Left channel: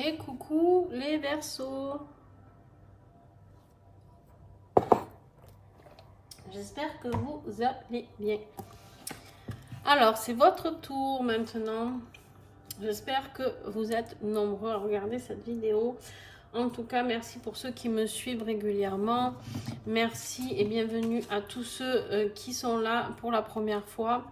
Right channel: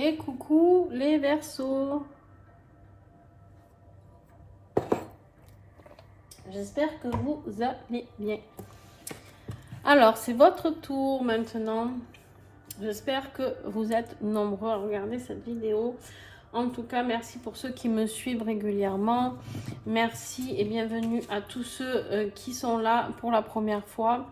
Et coucou les Verseaux. J'espère que vous allez bien. Alors, c'est votre tour maintenant. J'espère que vous êtes nombreux à regarder cette vidéo. En tout cas, merci pour ceux qui me suivent régulièrement. Merci et bienvenue à tous ceux qui sont là pour la première fois.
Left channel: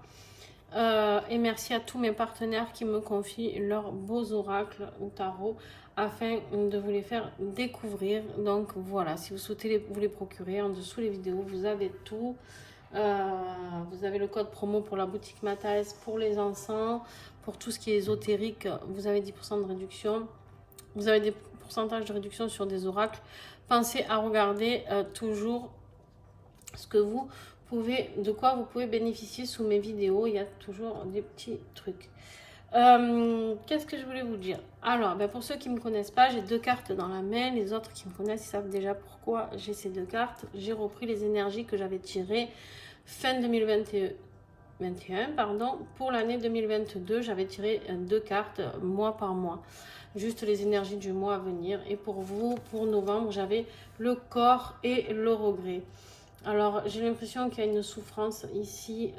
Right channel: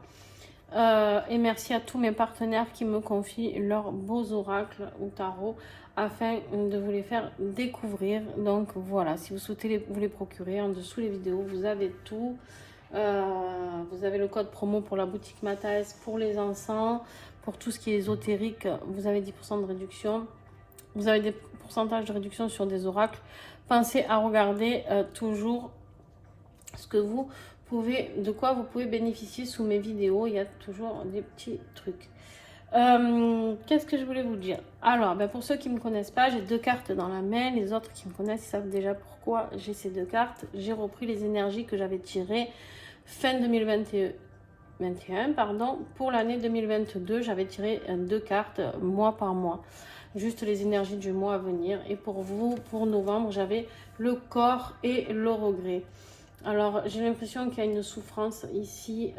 Et merci à tous mes partenaires qui me confient leurs beaux oracles ou tarot afin de vous les faire découvrir. Donc voilà, si vous souhaitez vous les procurer, en dessous les vidéos, vous avez tout. Vous avez le code promo pour la boutique Mathias, pour les encens, pour tout ce qui est ésotérique, vous avez 10% de réduction. Vous avez des pourcentages de réduction sur des oracles. Pensez à regarder toujours ce que vous pouvez, de quoi vous pouvez bénéficier sous mes vidéos. Il y a toujours des petits trucs. Qu'est-ce que je voulais vous dire? Alors, pour ceux qui ne me connaissent pas, j'ai deux cartes dans la main. Les autres qui me connaissent, ils savent déjà pourquoi j'ai ces deux cartes. J'ai repris les énergies que j'avais tirées fin 2021, pardon. Pour l'année 2022, j'avais tiré deux cartes mois par mois. Juste les énergies du mois à venir. Et pour vous, pour novembre, j'avais le corps et le regret. Alors, j'ai l'impression qu'il y a une souffrance ici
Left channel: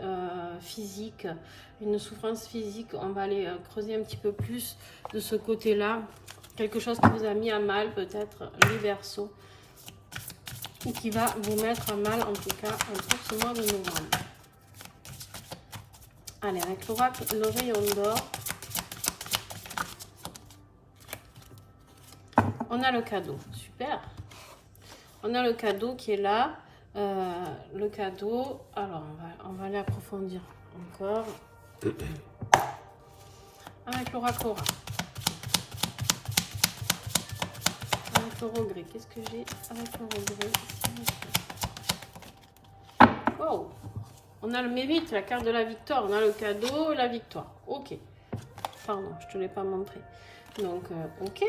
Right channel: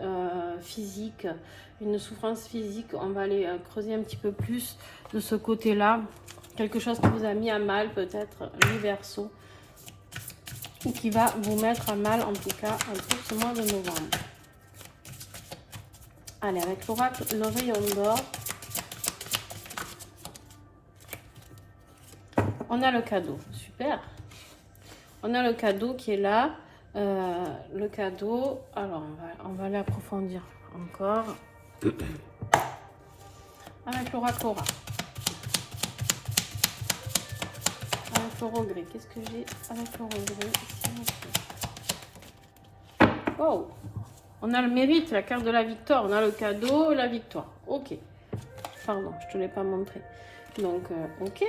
physique, une souffrance physique. On va aller creuser un petit peu plus de ce côté-là. Quelque chose qui vous a mis à mal, peut-être, les Verseaux, ou qui va vous mettre à mal, en tout cas, pour ce mois de novembre. Allez, avec l'oracle, le rayon d'or, on a le cadeau. Super. On a le cadeau qui est là. Le cadeau, alors on va l'approfondir encore avec l'oracle, avec le regret. Qu'est-ce que j'ai avec le regret? Oh, on a le mérite, la carte de la victoire, on a le cadeau, la victoire. Ok, pardon, je te l'ai pas montré. Donc ok,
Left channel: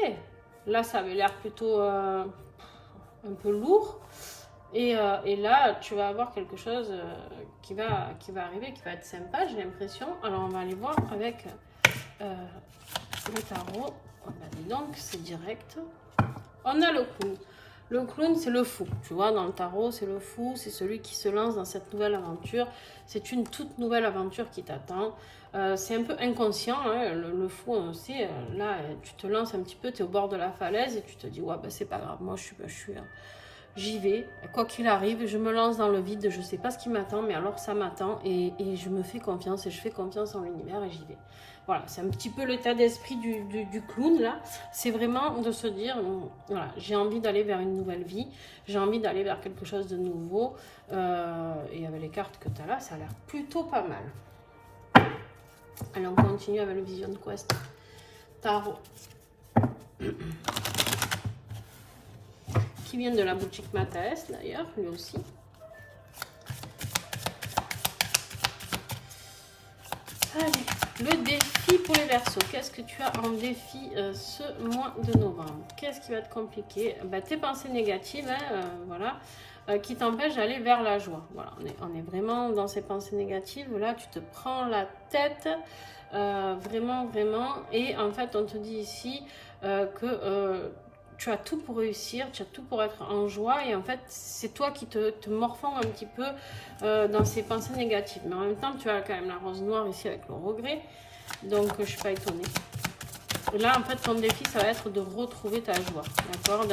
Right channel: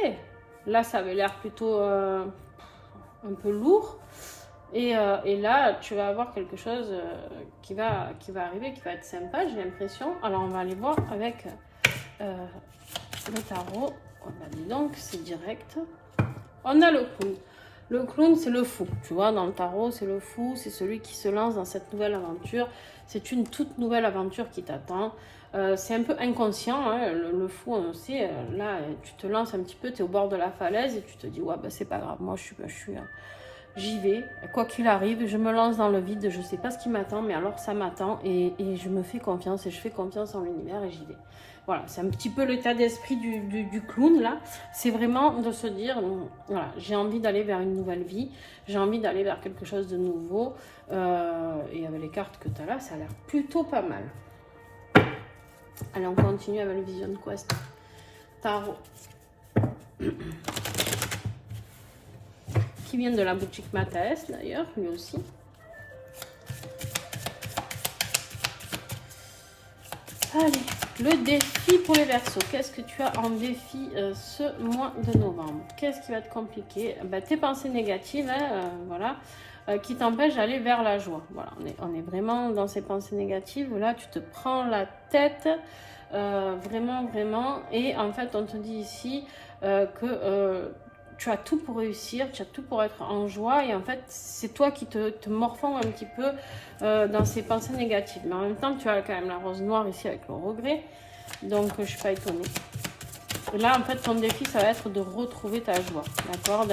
là ça avait l'air plutôt un peu lourd. Et là, tu vas avoir quelque chose qui va arriver, qui va être sympa, j'ai l'impression. Alors, on va aller voir avec le tarot. Donc, c'est direct. On a le clown. Le clown, c'est le fou. Tu vois, dans le tarot, c'est le fou. C'est celui qui se lance dans cette nouvelle aventure. C'est une toute nouvelle aventure qui t'attend. C'est un peu inconscient, hein, le fou, on sait. Là, tu te lances un petit peu, tu es au bord de la falaise et tu te dis, ouais, c'est pas grave, moi, j'y vais, quoi qu'il arrive, je me lance dans le vide, je ne sais pas ce qui m'attend, mais alors ça m'attend et je me fais confiance et je fais confiance en l'univers et j'y vais. Voilà, c'est un petit peu l'état d'esprit du clown là, c'est vraiment de se dire, voilà, j'ai envie d'aller vers une nouvelle vie, j'ai envie d'aller vers quelque chose de nouveau et avec les cartes que tu as là, ça a l'air plutôt pas mal. Allez, on continue avec le Vision Quest Tarot. Qui vient de la boutique Mathias d'ailleurs, lui aussi. Allez, le défi pour les Verseaux. Qu'est-ce que tu as en défi ce mois de novembre? Qu'est-ce qui va être compliqué? Tes pensées négatives, hein, voilà, qui t'empêchent d'aller vers la joie. Voilà, on est vraiment dans ces pensées négatives. Là, tu te prends la tête, vraiment, vraiment. Et en fait, on te dit ici que tu as tout pour réussir, tu as tout pour être en joie et en fait c'est toi qui te morfonds un petit peu dans ces pensées négatives. Mais en même temps tu as quand même la rose noire ici avec le regret, donc je ne suis pas étonnée. Et là en fait ton défi ça va être de retrouver ta joie, d'accord,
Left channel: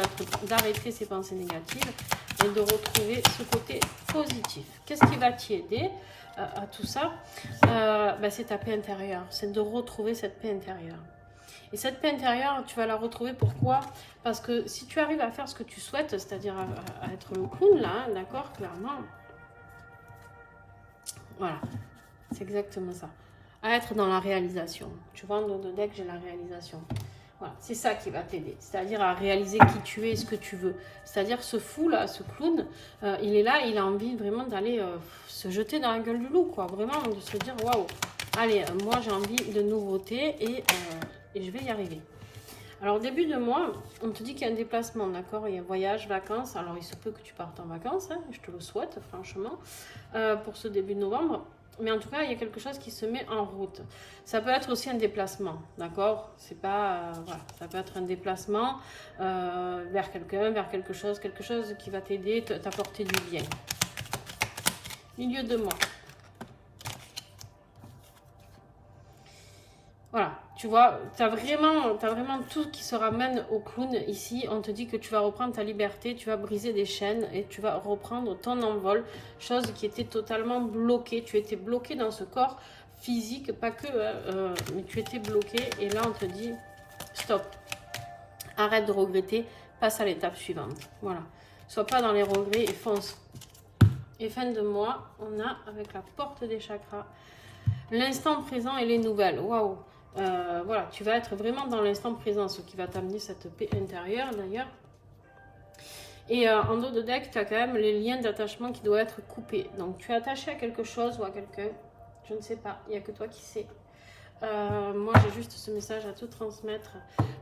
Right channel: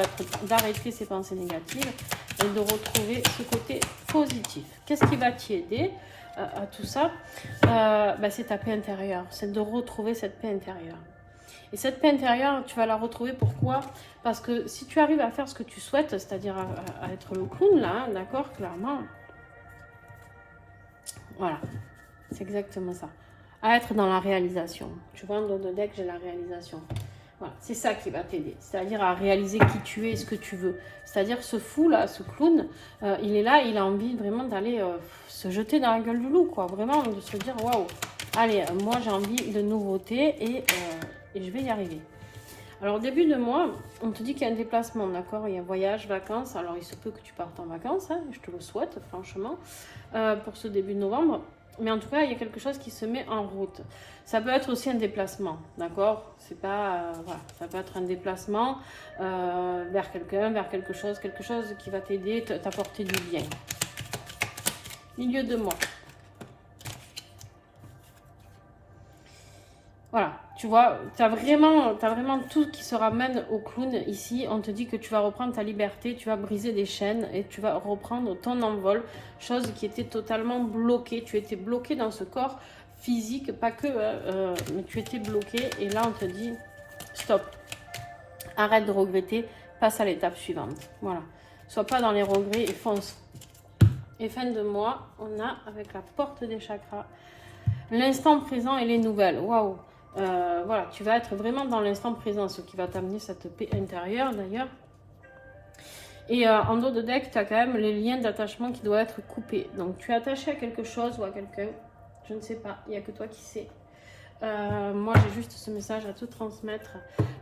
d'arrêter ces pensées négatives et de retrouver ce côté positif. Qu'est-ce qui va t'y aider à tout ça? C'est ta paix intérieure, c'est de retrouver cette paix intérieure. Et cette paix intérieure, tu vas la retrouver. Pourquoi? Parce que si tu arrives à faire ce que tu souhaites, c'est-à-dire à être le clown, là, hein, d'accord, clairement. Voilà, c'est exactement ça. À être dans la réalisation. Tu vois, dans le deck, j'ai la réalisation. Voilà, c'est ça qui va t'aider. C'est-à-dire à réaliser qui tu es et ce que tu veux. C'est-à-dire ce fou, là, ce clown, il est là, il a envie vraiment d'aller se jeter dans la gueule du loup, quoi. Vraiment, de se dire, waouh, allez, moi, j'ai envie de nouveautés et je vais y arriver. Alors, au début de mois, on te dit qu'il y a un déplacement, d'accord? Il y a un voyage, vacances. Alors, il se peut que tu partes en vacances, hein, je te le souhaite, franchement, pour ce début de novembre. Mais en tout cas, il y a quelque chose qui se met en route. Ça peut être aussi un déplacement, d'accord? C'est pas... voilà, ça peut être un déplacement vers quelqu'un, vers quelque chose qui va t'aider, t'apporter du bien. Milieu de mois. Voilà, tu vois, tu as vraiment tout qui se ramène au clown ici. On te dit que tu vas reprendre ta liberté, tu vas briser des chaînes et tu vas reprendre ton envol. Chose qui était totalement bloquée. Tu étais bloqué dans ce corps physique, pas que, mais tu étais bloqué. Et là, on te dit, stop, arrête de regretter, passe à l'étape suivante. Voilà, sois pas dans les regrets et fonce. Et fin de mois, on a avec la porte des chakras, l'instant présent et les nouvelles. Waouh! Voilà, tu vas être vraiment dans l'instant présent, ce qui va t'amener cette paix intérieure d'ailleurs. Et en dos de deck, tu as quand même les liens d'attachement qui doivent être coupés. Donc tu es attaché à quelque chose ou à quelqu'un, je ne sais pas, il n'y a que toi qui sais. Moi j'ai juste ce message à te transmettre.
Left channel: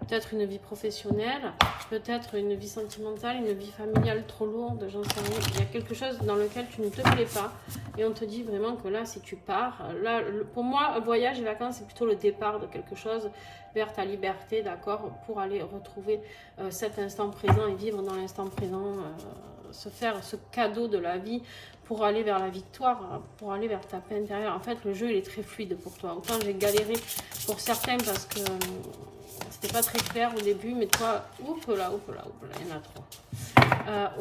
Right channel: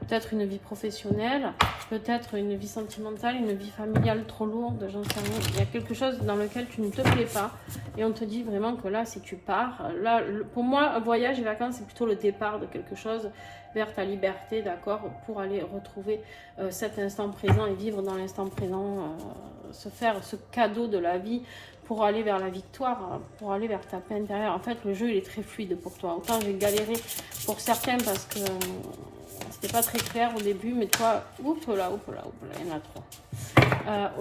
Peut-être une vie professionnelle, peut-être une vie sentimentale, une vie familiale trop lourde, j'en sais rien. Il y a quelque chose dans lequel tu ne te plais pas et on te dit vraiment que là si tu pars, là pour moi un voyage et vacances c'est plutôt le départ de quelque chose vers ta liberté, d'accord, pour aller retrouver cet instant présent et vivre dans l'instant présent, se faire ce cadeau de la vie pour aller vers la victoire, pour aller vers ta paix intérieure. En fait, le jeu, il est très fluide pour toi. Autant j'ai galéré pour certains parce que c'était pas très clair au début, mais toi, oups là, il y en a trop.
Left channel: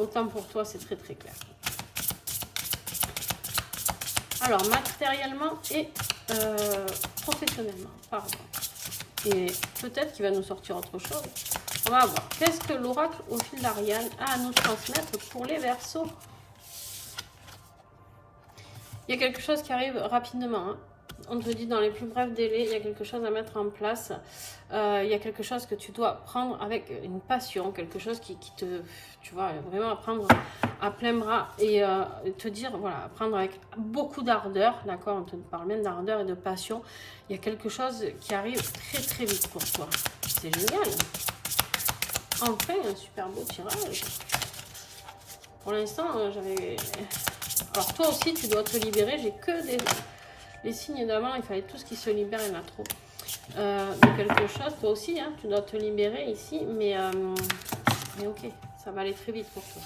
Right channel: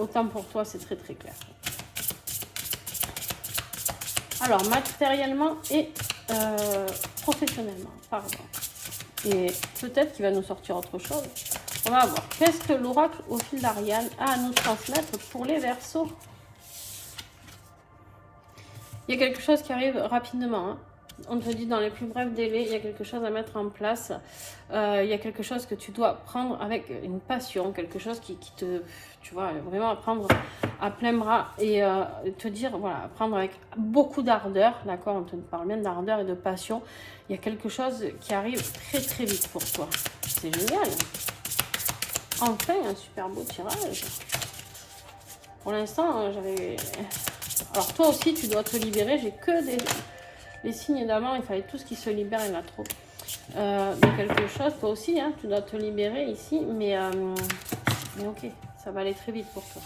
Autant pour toi, c'est très très clair. Alors, matériellement et professionnellement, pardon. Et peut-être qu'il va nous sortir autre chose. On va voir. Qu'est-ce que l'oracle au fil d'Ariane a à nous transmettre pour les Verseaux? Il y a quelque chose qui arrive rapidement. Hein. On te dit dans les plus brefs délais, il y a quelque chose à mettre en place. Il y a quelque chose que tu dois prendre avec une passion, quelque chose qui te, tu vois, vraiment prendre à plein bras et te dire, voilà, prendre avec beaucoup d'ardeur, d'accord, on te parle bien d'ardeur et de passion. Il y a quelque chose qui arrive très très vite pour toi. C'est génial. Enfin, un super beau tirage. Pour l'instant, j'avais... Alors toi aussi, tu dois te libérer. J'ai que les signes d'amant. Il fallait tout ce qui se libère, il y en a trop. De quelque chose, toi aussi, hein, tu dois te libérer ici. Mais ok, ça va aller très vite pour toi.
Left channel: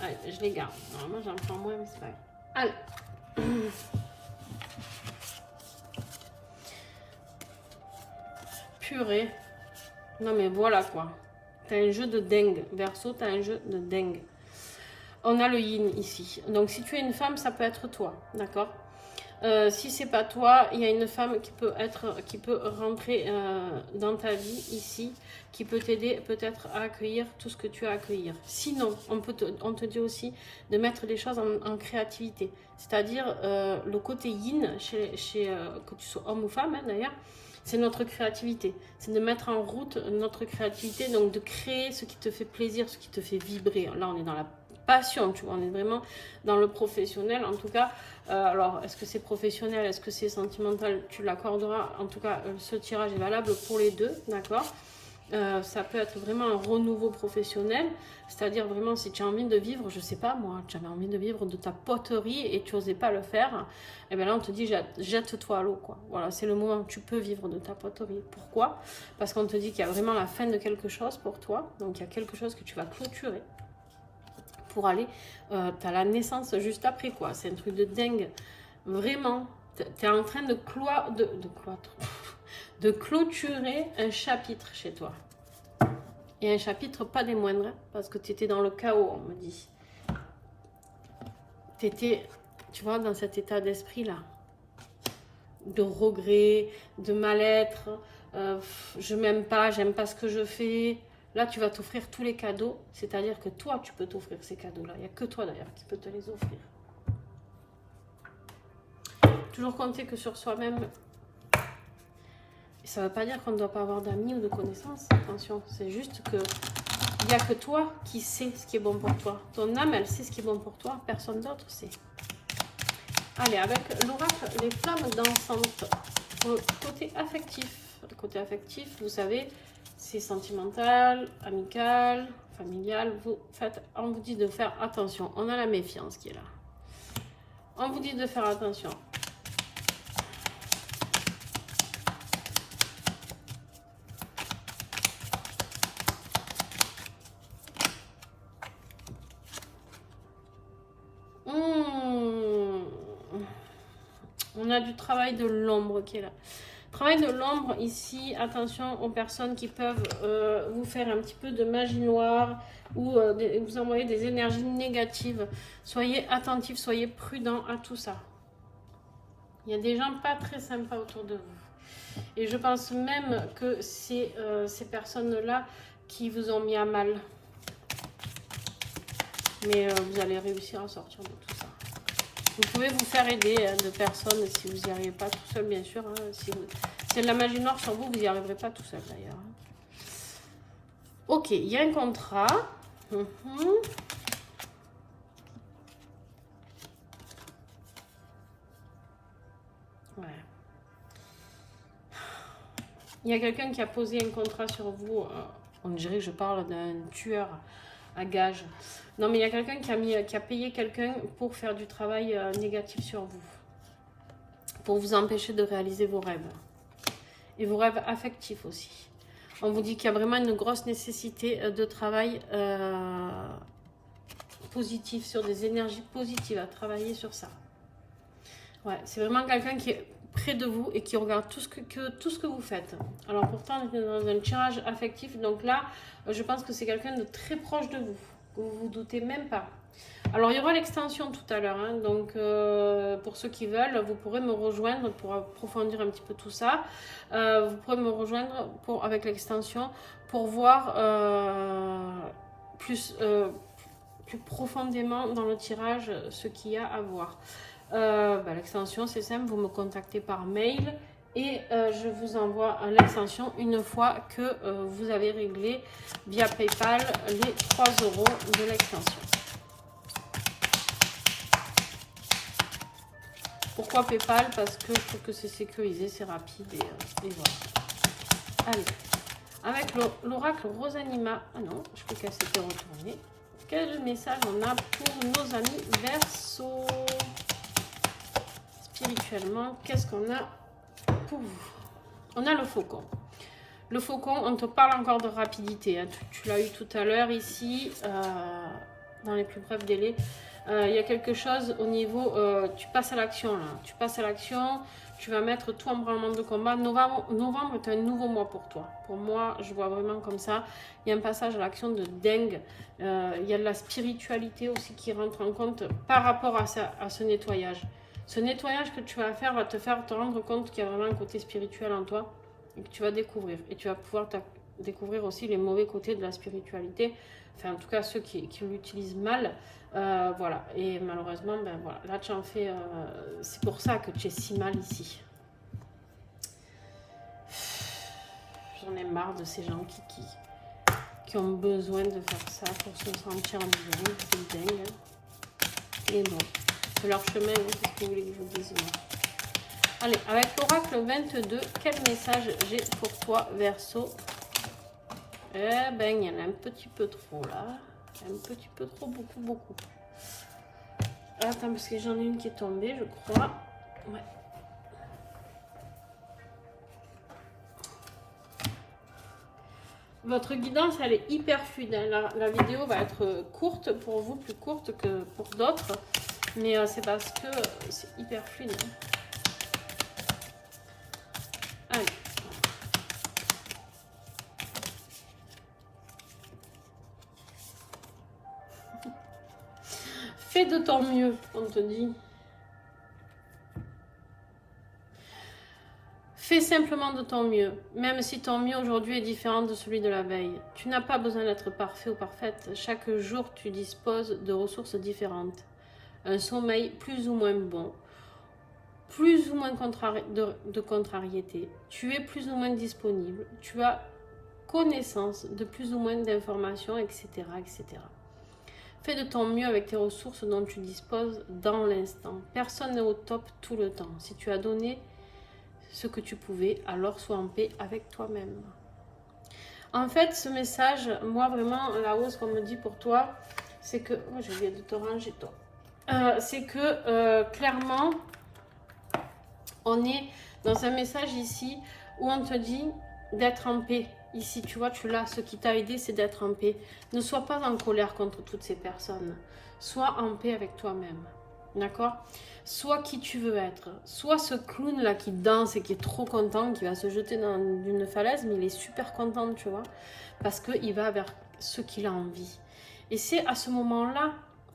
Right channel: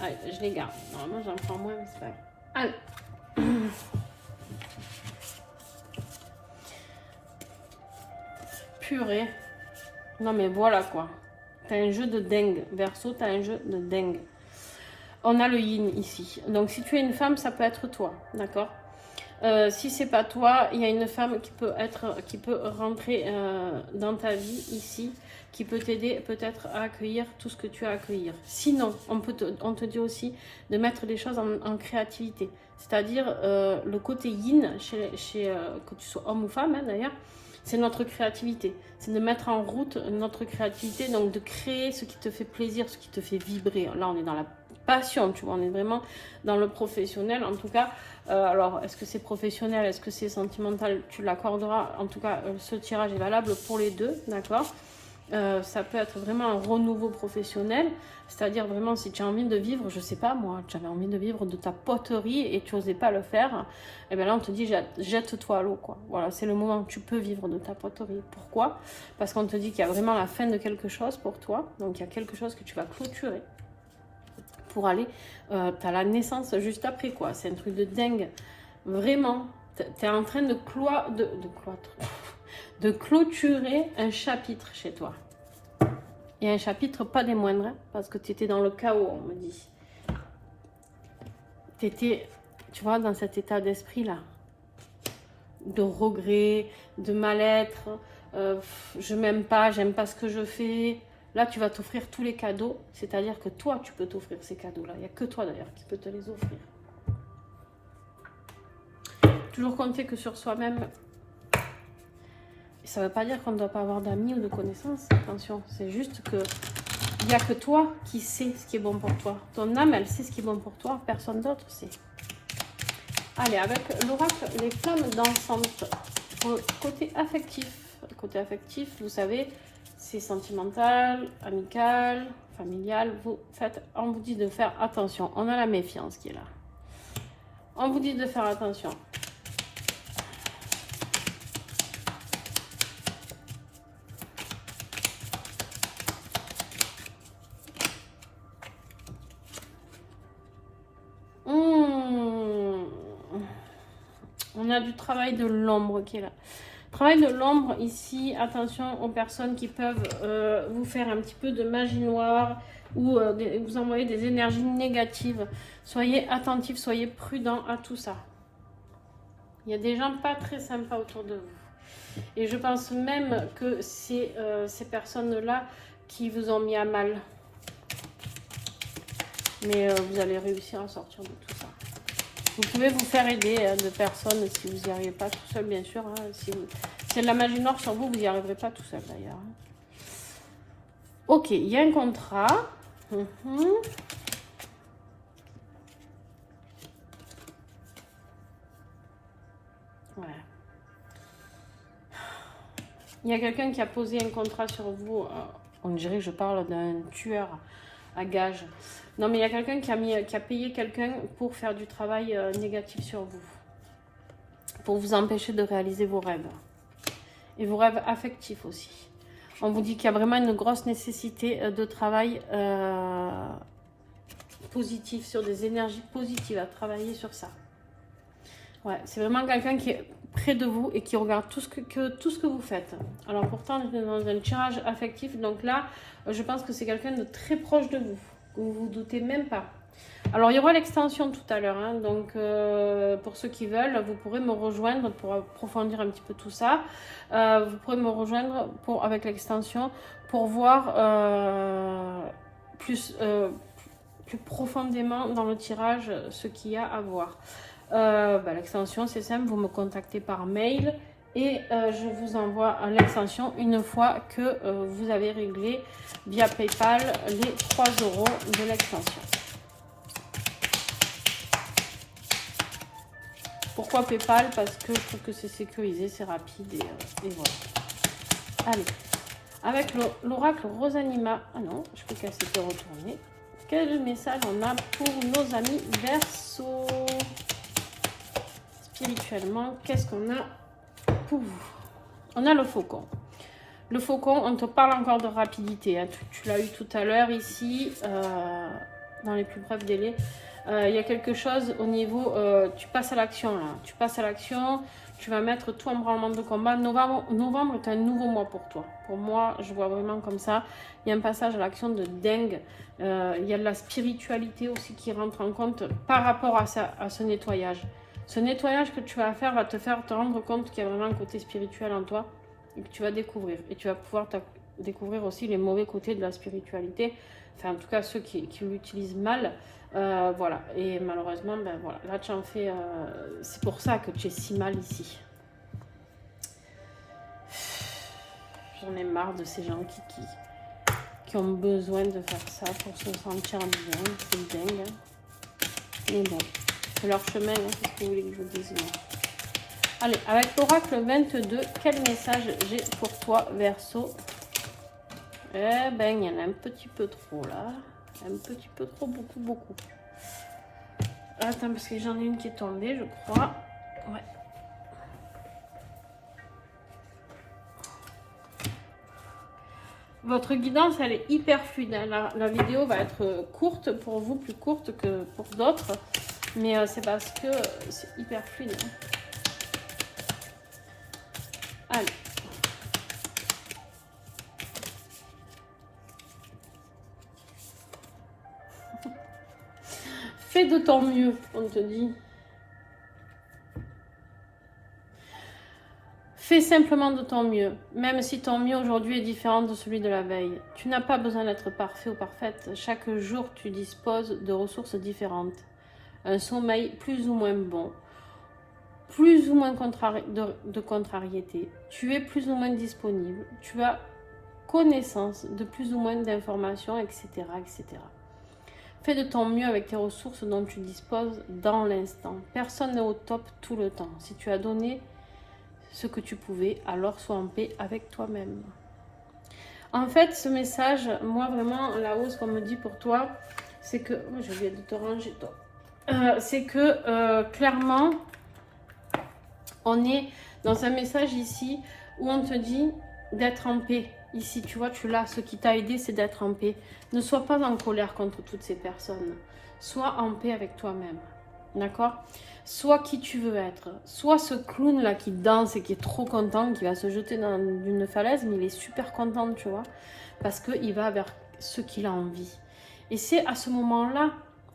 Allez, je les garde. Normalement, j'en prends moins, mais c'est pas grave. Allez. Purée. Non mais voilà quoi. T'as un jeu de dingue. Verseau, t'as un jeu de dingue. On a le yin ici. Donc si tu es une femme, ça peut être toi. D'accord. Si c'est pas toi, il y a une femme qui peut rentrer dans ta vie ici, qui peut t'aider peut-être à accueillir tout ce que tu as à accueillir. Sinon, on te dit aussi de mettre les choses en créativité. C'est-à-dire le côté yin, que tu sois homme ou femme hein, d'ailleurs, c'est notre créativité. C'est de mettre en route notre créativité, donc de créer ce qui te fait plaisir, ce qui te fait vibrer. Là, on est dans la passion, tu vois, on est vraiment dans le professionnel. En tout cas, alors, est-ce que c'est professionnel, est-ce que c'est sentimental? Tu l'accorderas. En tout cas, ce tirage est valable pour les deux, d'accord? Ça peut être vraiment un renouveau professionnel, c'est-à-dire vraiment si tu as envie de vivre, je sais pas moi, tu avais envie de vivre de ta poterie et tu n'osais pas le faire, et bien là on te dit jette-toi à l'eau quoi. Voilà, c'est le moment où tu peux vivre de ta poterie. Pourquoi? Parce qu'on te dit qu'il y a vraiment la fin de quelque chose pour toi, donc il y a quelque chose que tu vas clôturer pour aller, tu as la naissance juste après quoi, c'est un truc de dingue, vraiment, tu es en train de clôturer un chapitre chez toi. Et un chapitre pas des moindres, hein, parce que tu étais dans le chaos, on me dit. Tu étais, tu vois, dans cet état d'esprit-là. De regret, de mal-être, je m'aime pas, j'aime pas ce que je fais. Là, tu vas t'offrir tous les cadeaux, c'est-à-dire que toi, tu peux t'offrir ces cadeaux-là. Il n'y a que toi, d'ailleurs, qui peut te les offrir. Toujours compter que sur soi-même. Ça ne veut pas dire qu'on ne doit pas avoir d'amis ou de connaissances, attention, c'est juste que il n'y a que toi qui sais ce qui est bon pour toi. Ton âme, elle sait ce qui est bon pour toi, personne d'autre sait. Allez, avec l'oracle, les flammes dansantes, côté affectif. Côté affectif, vous savez, c'est sentimental, amical, familial. On vous dit de faire attention, on a la méfiance qui est là. On vous dit de faire attention. On a du travail de l'ombre qui est là. Travail de l'ombre ici, attention aux personnes qui peuvent vous faire un petit peu de magie noire ou vous envoyer des énergies négatives. Soyez attentifs, soyez prudents à tout ça. Il y a des gens pas très sympas autour de vous. Et je pense même que c'est ces personnes-là qui vous ont mis à mal. Mais vous allez réussir à sortir de tout ça. Vous pouvez vous faire aider de personnes si vous n'y arrivez pas tout seul, bien sûr. Hein. Si c'est de la magie noire sur vous, vous n'y arriverez pas tout seul d'ailleurs. Ok, il y a un contrat. Voilà. Il y a quelqu'un qui a posé un contrat sur vous. On dirait que je parle d'un tueur à gages. Non, mais il y a quelqu'un qui a payé quelqu'un pour faire du travail négatif sur vous. Pour vous empêcher de réaliser vos rêves. Et vos rêves affectifs aussi. On vous dit qu'il y a vraiment une grosse nécessité de travail positif, sur des énergies positives, à travailler sur ça. Ouais, c'est vraiment quelqu'un qui est près de vous et qui regarde tout ce que vous faites. Alors pourtant, on est dans un tirage affectif. Donc là, je pense que c'est quelqu'un de très proche de vous. Vous vous doutez même pas. Alors, il y aura l'extension tout à l'heure. Hein, donc, pour ceux qui veulent, vous pourrez me rejoindre pour approfondir un petit peu tout ça. Vous pourrez me rejoindre avec l'extension pour voir plus profondément dans le tirage ce qu'il y a à voir. L'extension, c'est simple. Vous me contactez par mail. Et je vous envoie l'extension une fois que vous avez réglé via PayPal les 3 € de l'extension. Pourquoi PayPal? Parce que je trouve que c'est sécurisé, c'est rapide et voilà. Allez, avec l'oracle Rosanima. Ah non, je crois qu'elle s'était retournée. Quel message on a pour nos amis Verseau? Spirituellement, qu'est-ce qu'on a pour vous? On a le faucon. Le faucon, on te parle encore de rapidité. Hein. Tu l'as eu tout à l'heure ici, dans les plus brefs délais. Il y a quelque chose au niveau... tu passes à l'action là. Tu passes à l'action, tu vas mettre tout en branlement de combat. Novembre est un nouveau mois pour toi. Pour moi, je vois vraiment comme ça. Il y a un passage à l'action de dingue. Il y a de la spiritualité aussi qui rentre en compte par rapport à ce nettoyage. Ce nettoyage que tu vas faire va te faire te rendre compte qu'il y a vraiment un côté spirituel en toi et que tu vas découvrir. Et tu vas pouvoir découvrir aussi les mauvais côtés de la spiritualité. Enfin, en tout cas, ceux qui l'utilisent mal. Voilà. Et malheureusement, ben voilà. Là, tu en fais... c'est pour ça que tu es si mal ici. J'en ai marre de ces gens qui ont besoin de faire ça pour se sentir bien. C'est dingue. Hein. Mais bon. C'est leur chemin, hein, c'est ce que vous voulez que je vous dise. Non. Allez, avec l'oracle 22, quel message j'ai pour toi, Verseau? Eh ben, il y en a un petit peu trop, là. Un petit peu trop, beaucoup. Attends, parce que j'en ai une qui est tombée, je crois. Ouais. Votre guidance, elle est hyper fluide. Hein. La vidéo va être courte pour vous, plus courte que pour d'autres. Mais c'est parce que c'est hyper fluide. Allez. Fais de ton mieux, on te dit. Fais simplement de ton mieux, même si ton mieux aujourd'hui est différent de celui de la veille. Tu n'as pas besoin d'être parfait ou parfaite. Chaque jour, tu disposes de ressources différentes. Un sommeil plus ou moins bon, plus ou moins de contrariété, tu es plus ou moins disponible, tu as connaissance de plus ou moins d'informations, etc., etc. Fais de ton mieux avec tes ressources dont tu disposes dans l'instant. Personne n'est au top tout le temps. Si tu as donné ce que tu pouvais, alors sois en paix avec toi-même. En fait, ce message, moi vraiment, la hausse qu'on me dit pour toi, c'est que... Oh, j'ai oublié de te ranger, toi. c'est que clairement, on est dans un message ici où on te dit d'être en paix. Ici, tu vois, tu l'as. Ce qui t'a aidé, c'est d'être en paix. Ne sois pas en colère contre toutes ces personnes. Sois en paix avec toi-même. D'accord? Sois qui tu veux être. Sois ce clown-là qui danse et qui est trop content, qui va se jeter dans une falaise, mais il est super content, tu vois. Parce qu'il va vers ce qu'il a envie. Et c'est à ce moment-là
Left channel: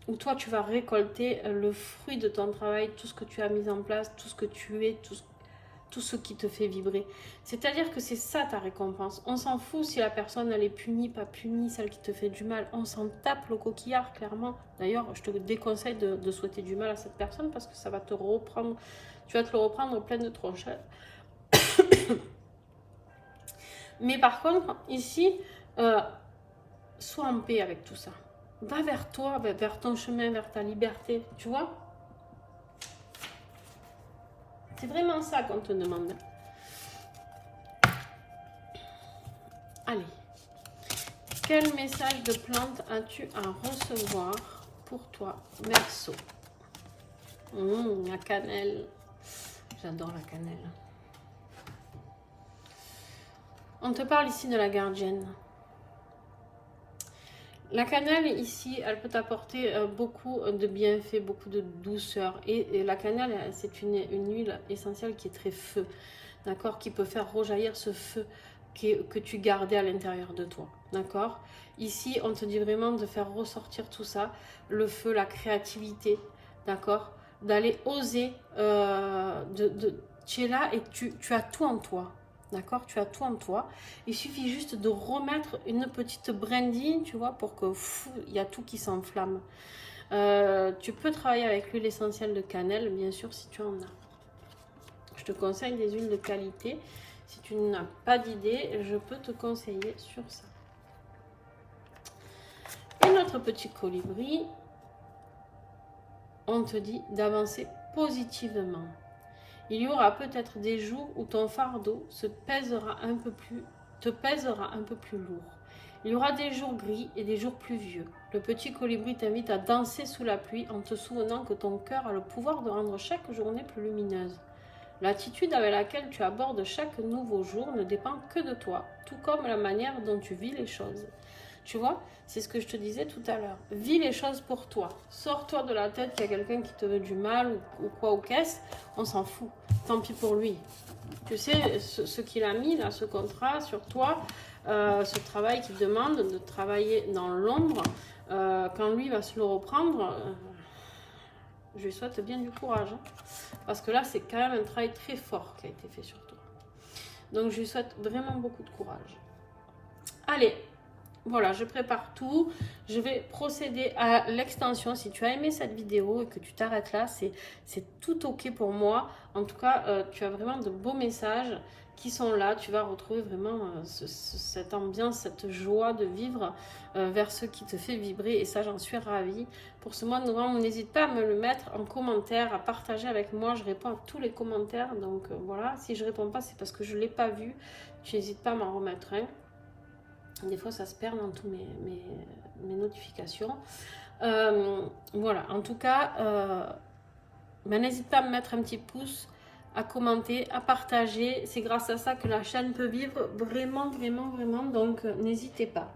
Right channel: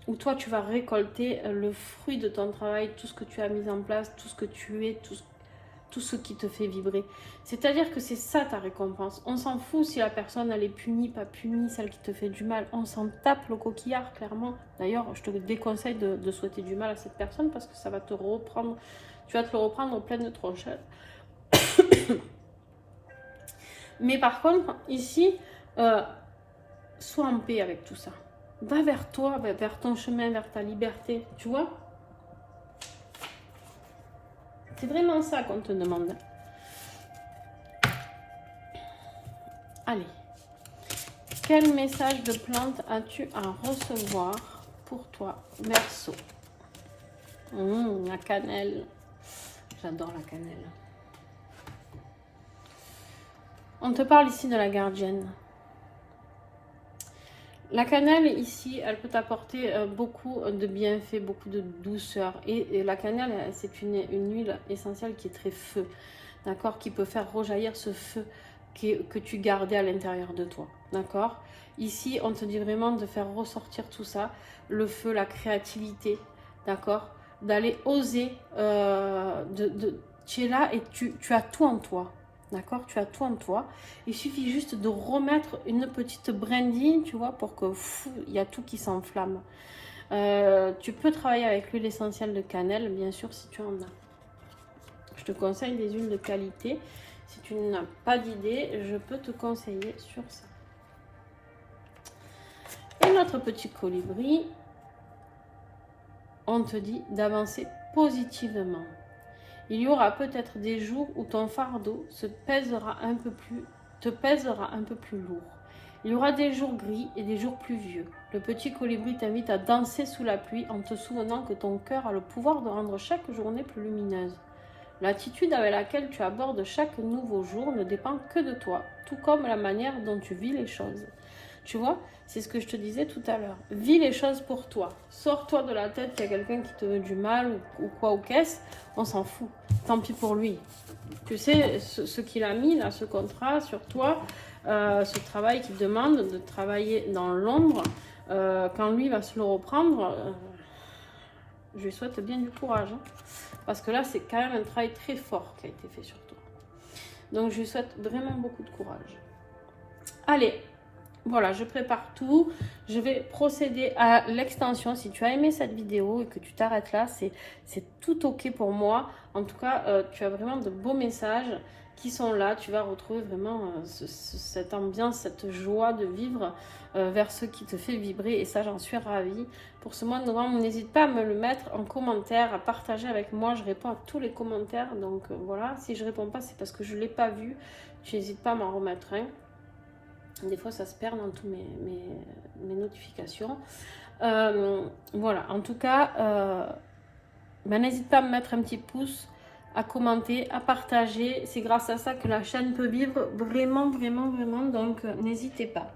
où toi, tu vas récolter le fruit de ton travail, tout ce que tu as mis en place, tout ce que tu es, tout ce qui te fait vibrer. C'est-à-dire que c'est ça ta récompense. On s'en fout si la personne elle est punie, pas punie, celle qui te fait du mal. On s'en tape le coquillard, clairement. D'ailleurs, je te déconseille de souhaiter du mal à cette personne parce que ça va te reprendre, tu vas te le reprendre en pleine tronche. Mais par contre, ici, sois en paix avec tout ça. Va vers toi, vers ton chemin, vers ta liberté, tu vois. C'est vraiment ça qu'on te demande. Allez. Quel message de plante as-tu à recevoir pour toi, Verseau? La cannelle. J'adore la cannelle. On te parle ici de la gardienne. La cannelle ici, elle peut t'apporter beaucoup de bienfaits, beaucoup de douceur. Et la cannelle, c'est une huile essentielle qui est très feu, d'accord, qui peut faire rejaillir ce feu que tu gardais à l'intérieur de toi, d'accord. Ici, on te dit vraiment de faire ressortir tout ça, le feu, la créativité, d'accord, d'aller oser, tu es là et tu as tout en toi. D'accord, tu as tout en toi. Il suffit juste de remettre une petite brindille, tu vois, pour que il y a tout qui s'enflamme. Tu peux travailler avec l'huile essentielle de cannelle, bien sûr, si tu en as. Je te conseille des huiles de qualité. Si tu n'as pas d'idée, je peux te conseiller sur ça. Et notre petit colibri, on te dit d'avancer positivement. Il y aura peut-être des jours où ton fardeau te pèsera un peu plus lourd. Il y aura des jours gris et des jours pluvieux. Le petit colibri t'invite à danser sous la pluie en te souvenant que ton cœur a le pouvoir de rendre chaque journée plus lumineuse. L'attitude avec laquelle tu abordes chaque nouveau jour ne dépend que de toi, tout comme la manière dont tu vis les choses. Tu vois, c'est ce que je te disais tout à l'heure. Vis les choses pour toi. Sors-toi de la tête qu'il y a quelqu'un qui te veut du mal ou quoi ou qu'est-ce. On s'en fout. Tant pis pour lui. Tu sais, ce qu'il a mis, là, ce contrat sur toi, ce travail qu'il demande de travailler dans l'ombre, quand lui va se le reprendre, je lui souhaite bien du courage. Hein, parce que là, c'est quand même un travail très fort qui a été fait sur toi. Donc, je lui souhaite vraiment beaucoup de courage. Allez. Voilà, je prépare tout. Je vais procéder à l'extension. Si tu as aimé cette vidéo et que tu t'arrêtes là, c'est tout ok pour moi. En tout cas, tu as vraiment de beaux messages qui sont là. Tu vas retrouver vraiment cette ambiance, cette joie de vivre vers ce qui te fait vibrer. Et ça, j'en suis ravie. Pour ce mois de novembre, n'hésite pas à me le mettre en commentaire, à partager avec moi. Je réponds à tous les commentaires. Donc voilà, si je ne réponds pas, c'est parce que je ne l'ai pas vu. Tu n'hésites pas à m'en remettre un. Des fois, ça se perd dans tous mes notifications. Voilà, en tout cas, n'hésite pas à me mettre un petit pouce, à commenter, à partager. C'est grâce à ça que la chaîne peut vivre vraiment, vraiment, vraiment. Donc, n'hésitez pas.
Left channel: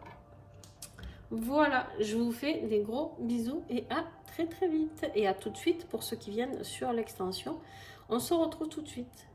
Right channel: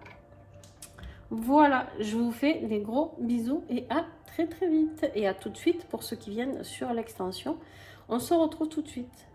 Voilà, je vous fais des gros bisous et à très, très vite. Et à tout de suite pour ceux qui viennent sur l'extension. On se retrouve tout de suite.